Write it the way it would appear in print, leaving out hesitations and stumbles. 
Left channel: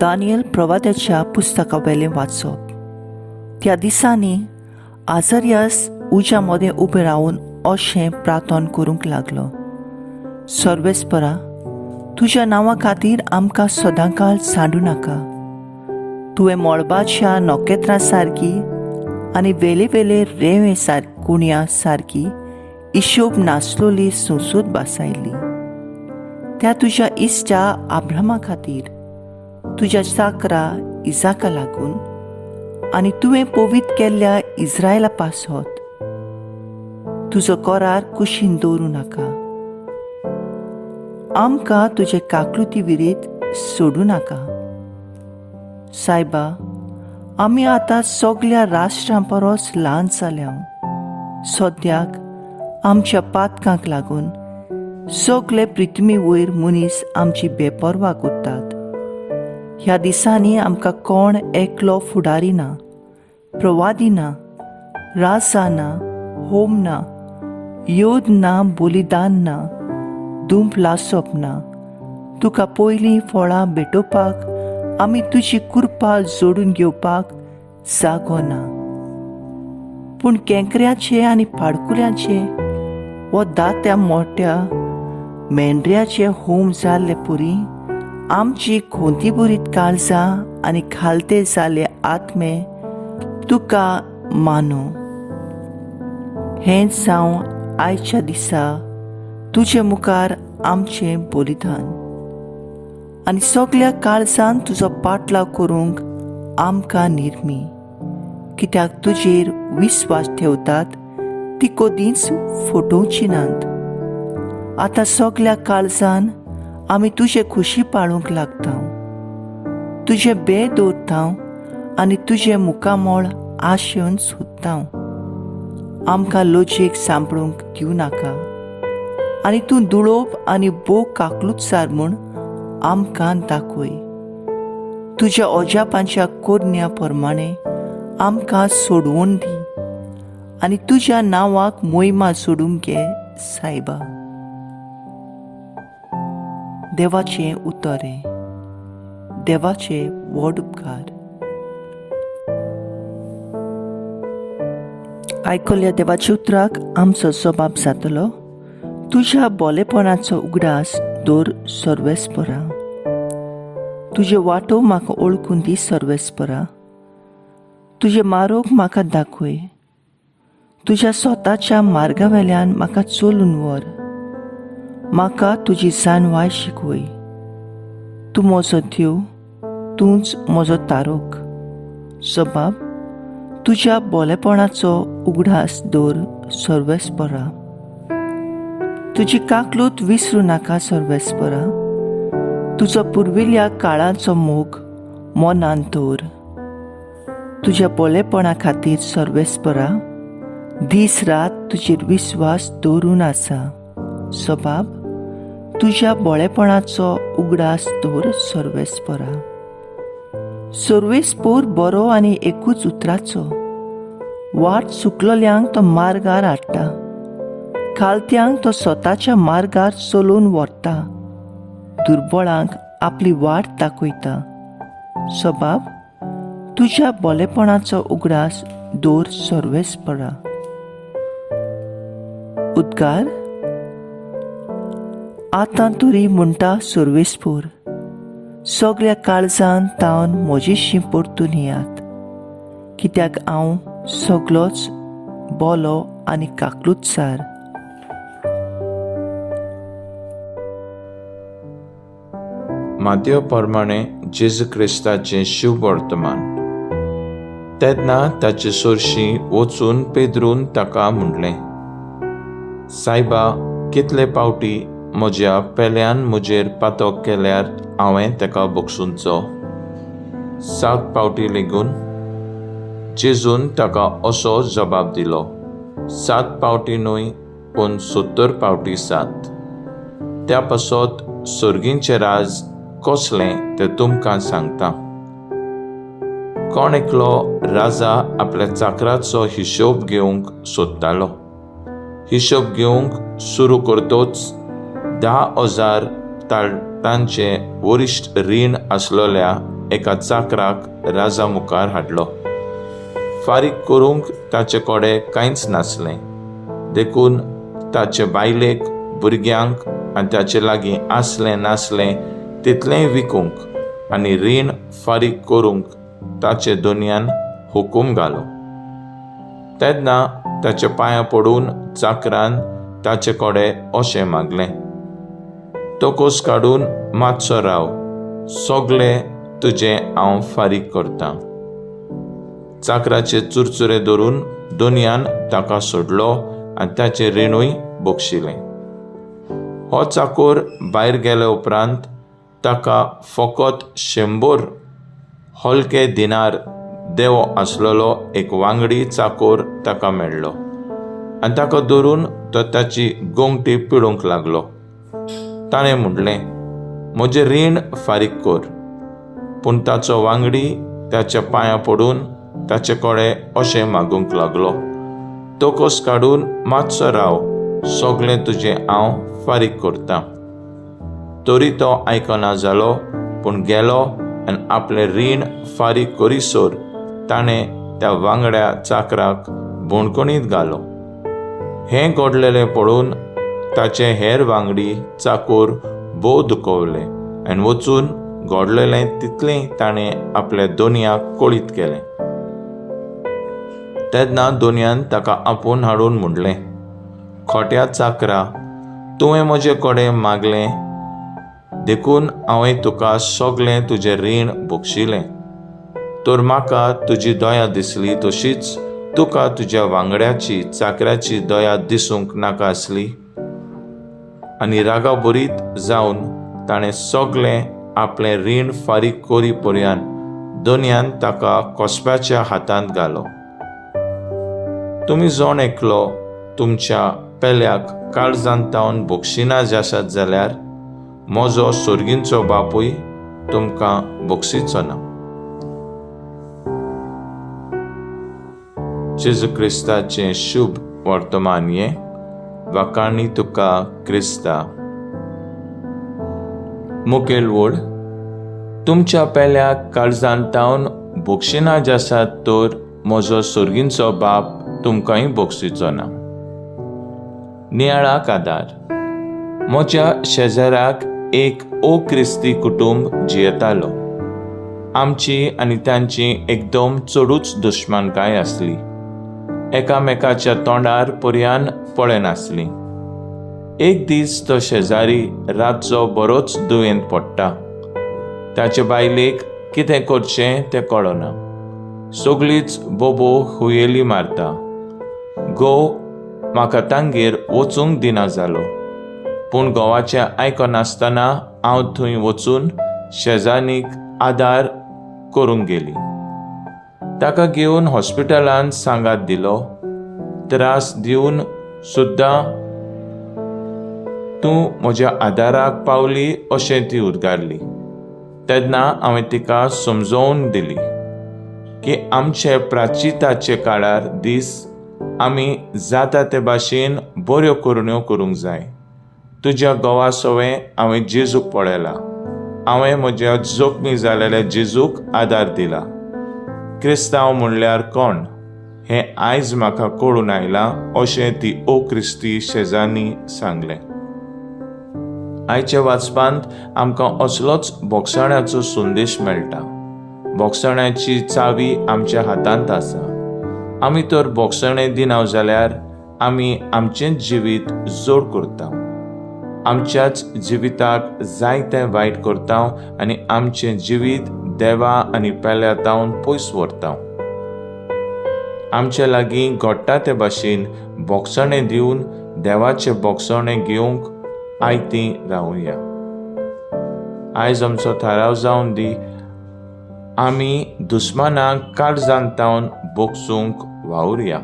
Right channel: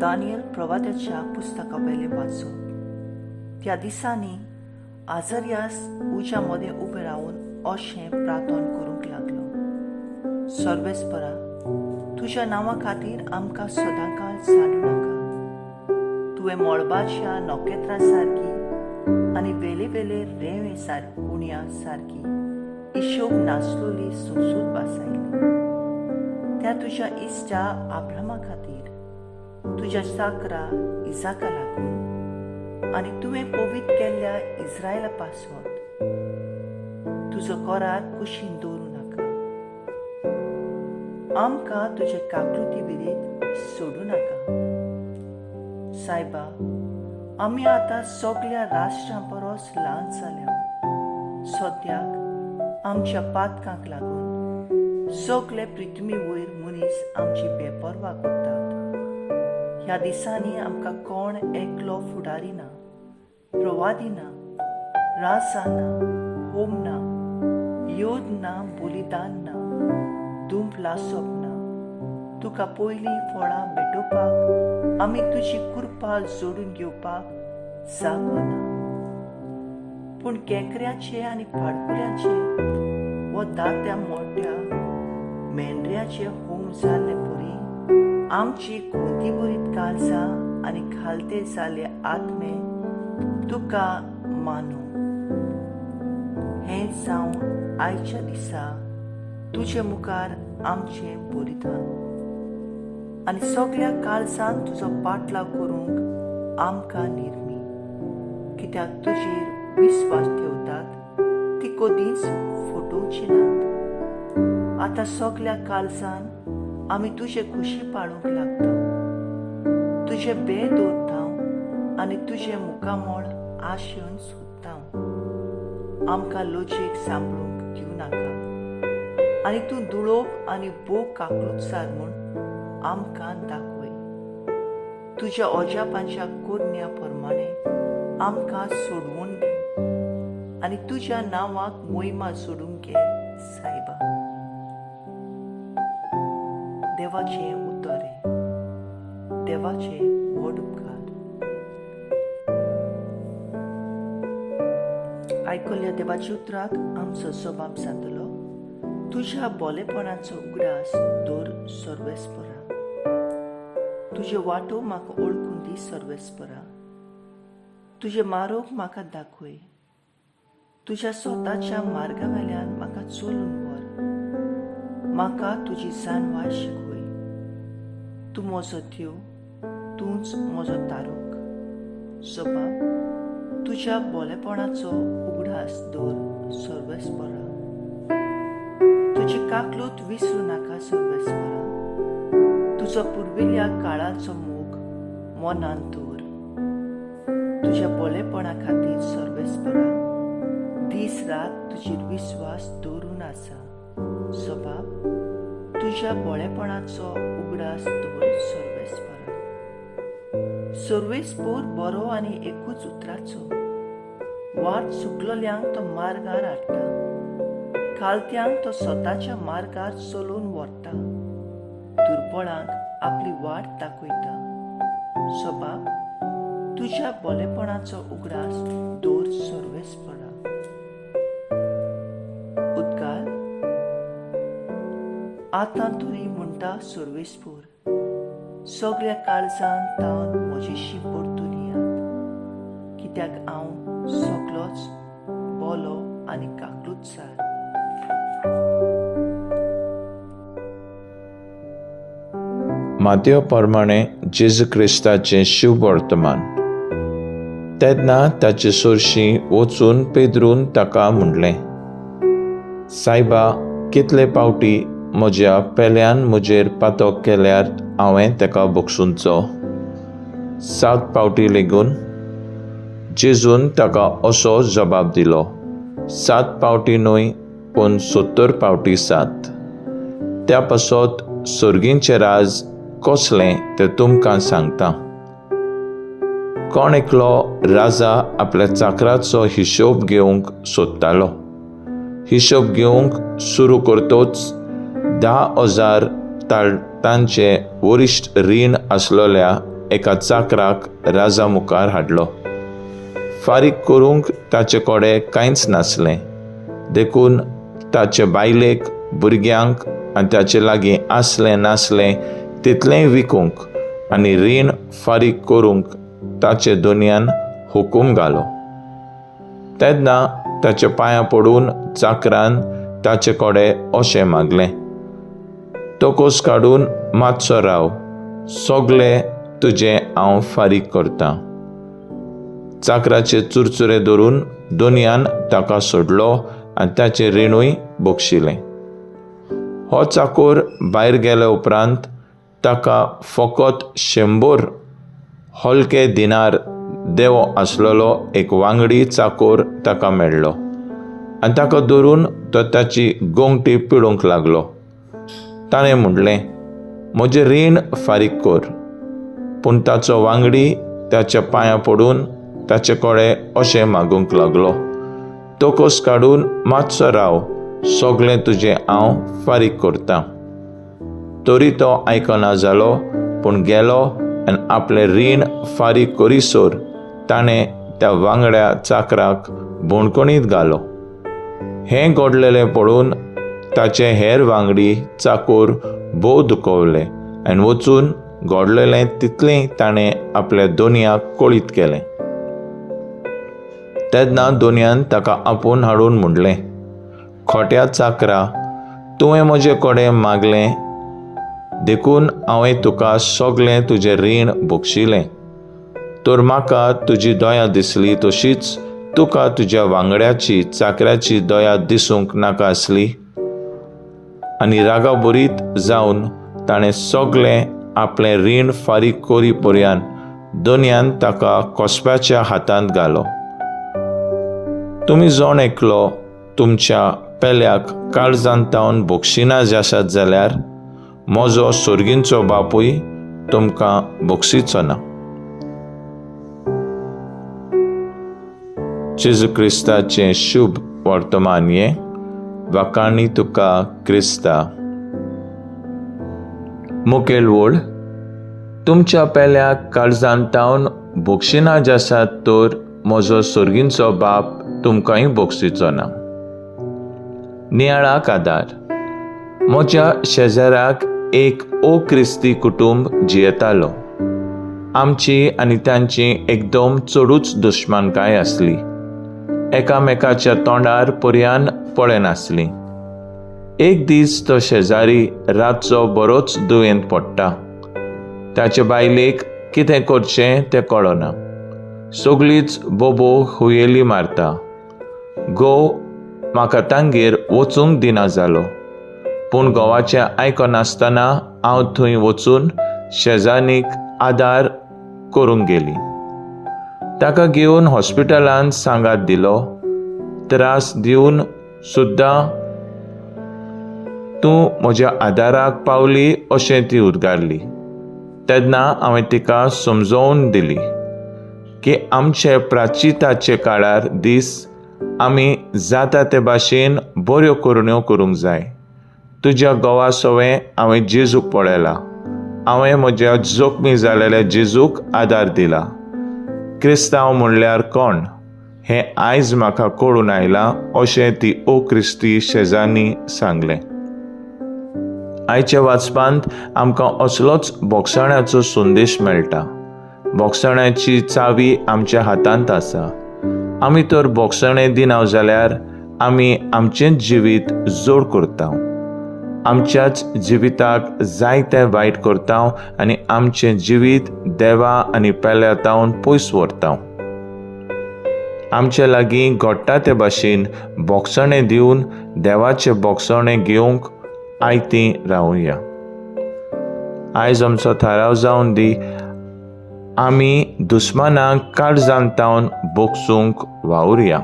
दानियल प्रवाद्याच्या पुस्तकावेलें वाचप. त्या दिसांनी आझारियास उज्यामध्ये उबे रावन अशें प्रार्थना करूंक लागलो. सर्वेस्परा, तुज्या नांवा खातीर आमकां सदांकाळ सांडू नाका. तुवें मळबाच्या नोखेत्रां सारकी आनी वेले वेले रेंवे कुणया सारकी हिशोब नासलोली सुसूद बसयली. त्या तुज्या इश्टा आब्रामा खातीर, तुज्या चाकरा इजाका लागून आनी तुवें पवित्र केल्ल्या इस्रायला पासत तुजो करार कुशीन दवरूं नाका. आमकां तुजे काकलुती विरीत सोडूं नाका. सायबा, आमी आतां सगळ्या राष्ट्रां परस ल्हान जाल्या. सद्याक आमच्या पातकांक लागून सगळे पृथ्वी वयर मनीस आमची बेपरवा करतात. ह्या दिसांनी आमकां कोण एकलो फुडारी ना, प्रवादी ना, राजा ना, होम ना, योद ना, बलिदान ना, धूप लासप ना. तुका पयलीं फळां भेटोवपाक आमी तुजी कृपा जोडून घेवपाक जागो ना. पूण केंकऱ्याचे आनी पाडकुल्यांचे वो दात्या मोठ्या मेंढऱ्याचे होम जाल्ले पुरी आमची खोंती बुरीत काळजां आनी खालते जाले आत्मे तुका मानो. हेंच जावं आयच्या दिसा तुजे मुखार आमचें बलिदान आनी सगळ्या काळजान तुजो पाटलाव करूंक आमकां निर्मी. कित्याक तुजेर विस्वास ठेवतात ती कदींच फटोवची नात. आतां सगळ्या काळजान आमी तुजे खुशी पाळूंक लागता. तुजे बे दवरता आनी तुजे मुखामोळ आशेवन सोदता. आमकां लोचयेक सांपळूंक दिवं नाका आनी तूं दुळोप आनी बो काकलूतसार म्हूण आमकां दाखय. तुज्या ओजापांच्या कोरन्या प्रमाणे आमकां सोडवून दी आनी तुज्या नांवाक मोहिमा सोडूंक घे सायबा. देवाचें उतोरे. देवाचे व्हड उपकार. आयकल्ल्या देवाच्या उतराक आमचो जबाब जातलो. तुज्या बोलेपणाचो उगडास दवर सर्वेस्परा. तुजे वाटो म्हाका ओळखून दी सर्वेस्परा. तुजे मार्ग म्हाका दाखय. तुज्या स्वताच्या मार्गा वेल्यान म्हाका चलून व्हर. म्हाका तुजी जाणवाय शिकवय. तूं म्हजो देव, तूंच म्हजो तारोक. जबाब, तुज्या बोलेपणाचो उगडास दवर सर्वेस्परा. तुजी काकलूत विसरूं नाका सर्वेस्परा. तुजो पुर्विल्ल्या काळाचो मोग मनांत दवर. तुज्या बोलेपणा खातीर सर्वेस्परा दीस रात तुजेर विस्वास दवरून आसा. जबाब, तुज्या बोळेपणाचो उगडास दवर सर्वेस्परा. सर्वेस्पोर बरो आनी एकूच उतराचो. वाट चुकलोल्यांक तो मार्गार हाडटा. खालत्यांक तो स्वताच्या मार्गार चलोवन व्हरता. दुर्बळांक आपली वाट दाखयता. जबाब, तुज्या बोलेपणाचो उगडास दवर सर्वेस्परा. उद्गार. आतां तरी म्हणटा सर्वेस्पोर, सगळ्या काळजान तावन म्हजेशी परतून येयात. कित्याक हांव सगळोच बोलो आनी काकलूतसार. मातयो प्रमाणे जेजू क्रिस्ताचें शुभ वर्तमान. तेन्ना ताचे सोरशीं वचून पेद्रून ताका म्हणलें, सायबा, कितले पावटी म्हज्या पेल्यान म्हजेर पातक केल्यार हांवें ताका बक्षूंचो? 7 पावटी लेगून? जेजून ताका असो जबाब दिलो, 7 पावटी न्हय, पूण 70 पावटी 7. त्या पासत सर्गींचें राज कसलें तें तुमकां सांगता. कोण एकलो राजा आपल्या चाकराचो हिशोब घेवंक सोदतालो. हिशोब घेवंक सुरू करतोच 10,000 लाखांचे वरिश्ठ रीण आसलोल्या एका चाकराक राजा मुखार हाडलो. फारीक करूंक ताचे कडेन कांयच नासलें, देखून ताचे बायलेक, भुरग्यांक आनी ताचे लागीं आसलें नासलें तितलेंय विकूंक आनी रीण फारीक करूंक ताचे दोनयान हुकूम घालो. तेन्ना ताच्या पांयां पडून चाकरान ताचे कडेन अशें मागलें, तोकोस काडून मातसो राव, सगलें तुजें हांव फारीक करतां. चाकराचे चुरचुरे धरून दोनयान ताका सोडलो आनी ताचें रिणूय बोगशिलें. हो चाकोर भायर गेले उपरांत ताका फकत 100 हलके दिनार देवो आसलेलो एक वांगडी चाकोर ताका मेळ्ळो आनी ताका धरून तो ताची गोंगटी पिडूंक लागलो. ताणें म्हणलें, म्हजें रीण फारीक कर. पूण ताचो वांगडी ताच्या पांयां पडून ताचे कडेन अशें मागूंक लागलो, तोकोस काडून मातसो राव, सगलें तुजें हांव फारीक करतां. तरी तो आयकना जालो, पूण गेलो आनी आपलें रीण फारीक करीसोर ताणें त्या वांगड्या चाकराक बोणकुणींत घालो. हें घडलेलें पळोवन ताचे हेर वांगडी चाकोर भोव दुखवले आनी वचून घडलेलें तितलें ताणें आपल्या दोनयाक कळीत केलें. तेन्ना दोनयान ताका आपूण हाडून म्हणलें, खोट्या चाकरा, तुवें म्हजे कडेन मागलें, देखून हांवें तुका सगलें तुजें रीण बोगशिलें. तर म्हाका तुजी दया दिसली तशीच तुका तुज्या वांगड्याची चाकराची दया दिसूंक नाका आसली. आनी रागाबरीत जावन ताणें सगलें आपलें रीण फारीक करी पर्यंत दोनयान ताका कोसप्याच्या हातांत घालो. तुमी जोण एकलो तुमच्या पेल्याक काळजांतावन बोगशिना आसात जाल्यार म्हजो सोर्गींचो बापूय तुमकां बोगसिचो ना. जेजू क्रिस्ताचें शुभ वर्तमान हें. वाकाणी तुका क्रिस्ता. मुखेल वड. तुमच्या पेल्याक काळजांतावन बोगशिना आसात तर म्हजो सोर्गींचो बाप तुमकांय बोगसिचो ना. नियाळाक आदार. म्हज्या शेजाऱ्याक एक क्रिस्ती कुटुंब जियेतालो. आमची आनी तांची एकदम चडूच दुश्मनकाय आसली. एकामेकाच्या तोंडार पर्यान पळयनासलीं. एक दीस तो शेजारी रातचो बरोच दुयेंत पडटा. ताचे बायलेक कितें करचें तें कळना. सगळींच बोबो हुयेली मारता. घोव म्हाका तांगेर वचूंक दिना जालो, पूण घोवाचें आयकनासतना हांव थंय वचून शेजानीक आदार करूंक गेली. ताका घेवन हॉस्पिटलांत सांगात दिलो. त्रास दिवन सुद्दां तूं म्हज्या आदाराक पावली अशें ती उद्गारली. तेन्ना हांवें तिका समजोवन दिली की आमचे प्राचिताचे काळार दीस आमी जाता ते भाशेन बऱ्यो करण्यो करूंक जाय. तुज्या घोवा सवें हांवें जेजूक पळयला. हांवें म्हज्या जखमी जालेल्या जेजूक आदार दिला. क्रिस्तांव म्हणल्यार कोण हें आयज म्हाका कळून आयलां अशें ती क्रिस्ती शेजान्नी सांगलें. आयच्या वाचपांत आमकां असलोच बोगसण्याचो संदेश मेळटा. बोगसण्याची चावी आमच्या हातांत आसा. आमी तर बोगसणें दिना जाल्यार आमी आमचेंच जिवीत जोड करता. आमच्याच जिविताक जायतें वायट करता आनी आमचें जिवीत देवा आनी पेल्यातावन पयस व्हरता. आमचे लागीं घडटा ते भाशेन बोगसणें दिवन देवाचें बोगसणें घेवंक आयतीं रावुया. आयज आमचो थाराव जावन दी. आमी दुस्मानांक काळजांतावन बोगसूंक वावुरया.